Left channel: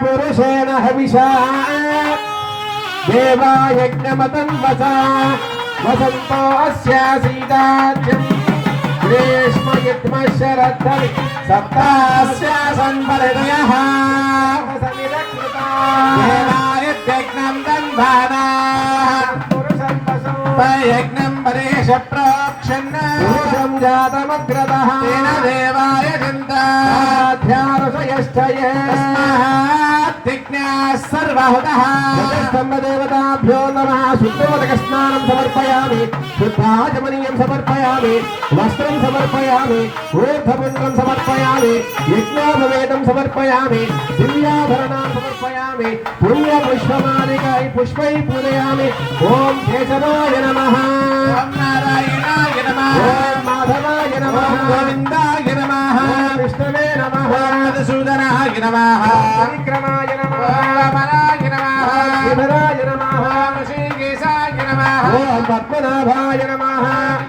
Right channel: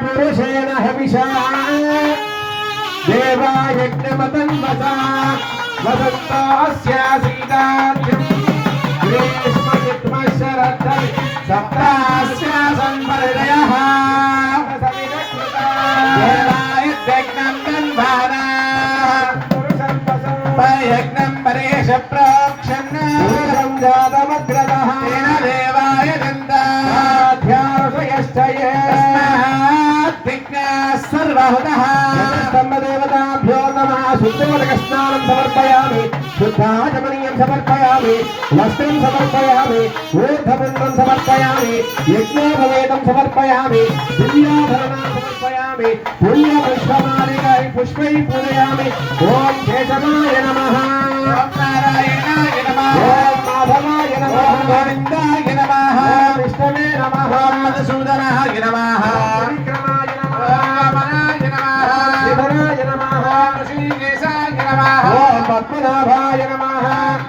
पुरुषेण हविषा देवायज्ञमतन्वसा वसन्तो अस्यासीदाद्यम् ग्रीष्मयुग्मशरद्धरि सप्तास्यासन्परिदयः देवायज्ञं तन्वाना यज्ञं परेश प्रोक्षन् पुरुषं जातमग्रतः तेन देवाय गन्धाध्यारसयश्चये सर्वहुतः स्तम्भदेवताभ्यो नमः शुद्धोदकस्नानं समर्पयामि शुद्धाचमनीयं समर्पयामि वस्त्रं समर्पयामि ऊर्ध्वपुण्ड्रं समर्पयामि यज्ञोपवेदं समर्पयामि दिव्याभरणां समर्पयामि पुण्यपुष्पमालिकायै पुष्पैः पूजयामि ॐ केशवाय नमः ॐ नारायणाय नमः ॐ माधवाय नमः गोविन्दाय नमः विष्णवे नमः मधुसूदनाय नमः विक्रमाय नमः वामनाय नमः शिवराय नमः ऋषिकेशाय नमः ॐ पद्मनाभाय नमः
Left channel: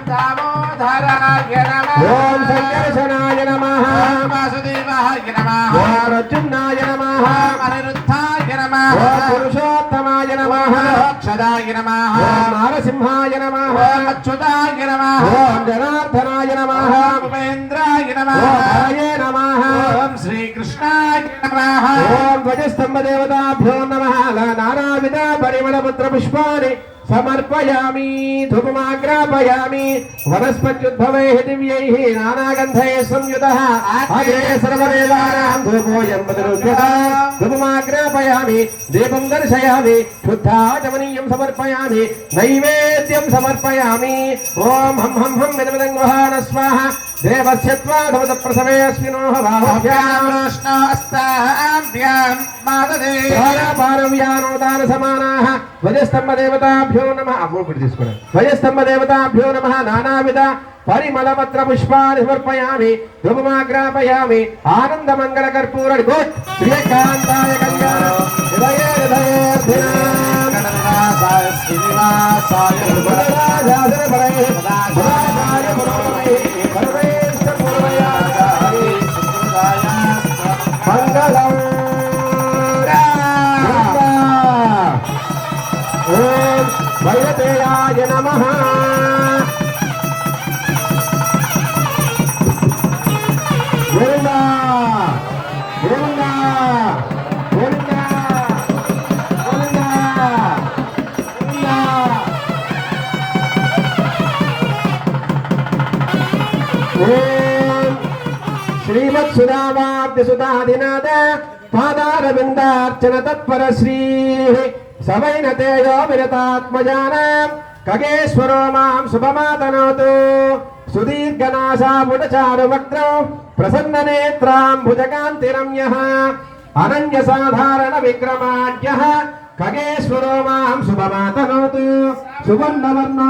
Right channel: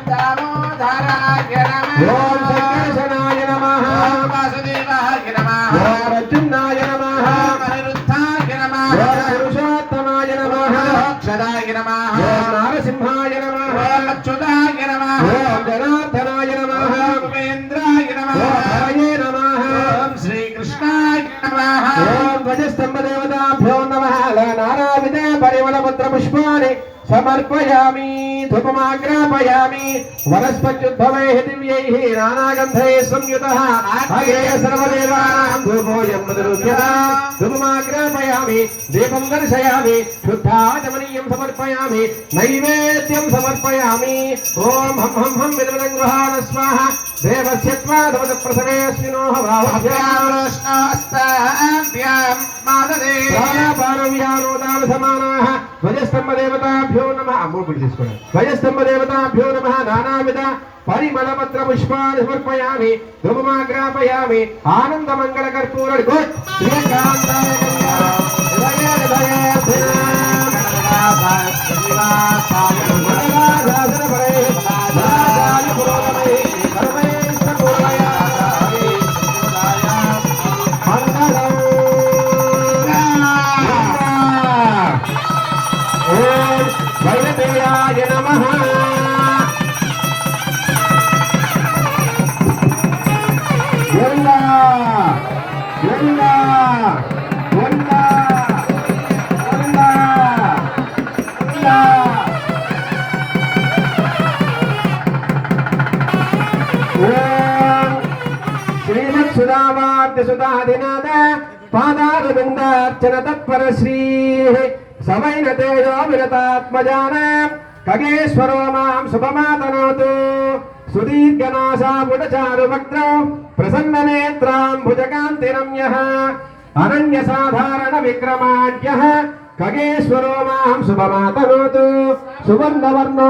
दामोदराय नमः ॐ संकर्षणाय नमः वासुदेवाय नमः ॐ अर्जुनाय नमः अनिरुद्धाय नमः ॐ पुरुषोत्तमाय नमः अक्षराय नमः ॐ नारसिंहाय नमः अच्युताय नमः ॐ जनार्दनाय नमः उपेन्द्राय नमः हरये नमः ॐ श्रीकृष्णाय नमः ॐ ध्वजस्तम्भदेवताभ्यो नमः नानाविध परिमलपत्रपुष्पाणि समर्पयामि धूपमाग्रापयामि वनस्पत्युद्भवैः दिव्यैः नानागन्धैः संयुतः अग्रे सर्वदेवानां धूपोऽयं मधुरुध्यता धूपमाग्रापयामि दीपं दर्शयामि शुद्धाचमनीयं समर्पयामि नैवेद्यं समर्पयामि ॐ हं हं हं विदमदङ्गवाहन स्वाहा देवस्य त्वादमदप्रसवे अस्मिनो भावाभ्यां माददे पारव्यानोदानसमानाः ध्वजस्तम्भदेवताभ्यो नमः ध्वजस्तम्भदेवताभ्यो नमः नानाविध परिमलपत्रपुष्पाणि समर्पयामि धूपमाग्रापयामि आनन्दमङ्गलकर्पूर श्रीकान्ताय वैदेयाय नमः गोविंदा गोविंदा गोविंदा गोविंदा ओम श्रीमत्सुधामाब्धसुधाधिनाथ पादारविन्दार्चन तत्पर श्रीः सवैन तेजो विरतात्मजानां खगेश्वरो मां शुभमातनोतु सुदीर्घनासापुटचारुवक्त्रौ प्रसन्ननेत्राम्बुजकान्तिरम्यः अनन्यसाधारणविक्रमाढ्यः खगेश्वरो मां शुभमातनोतु सुवर्णवर्णो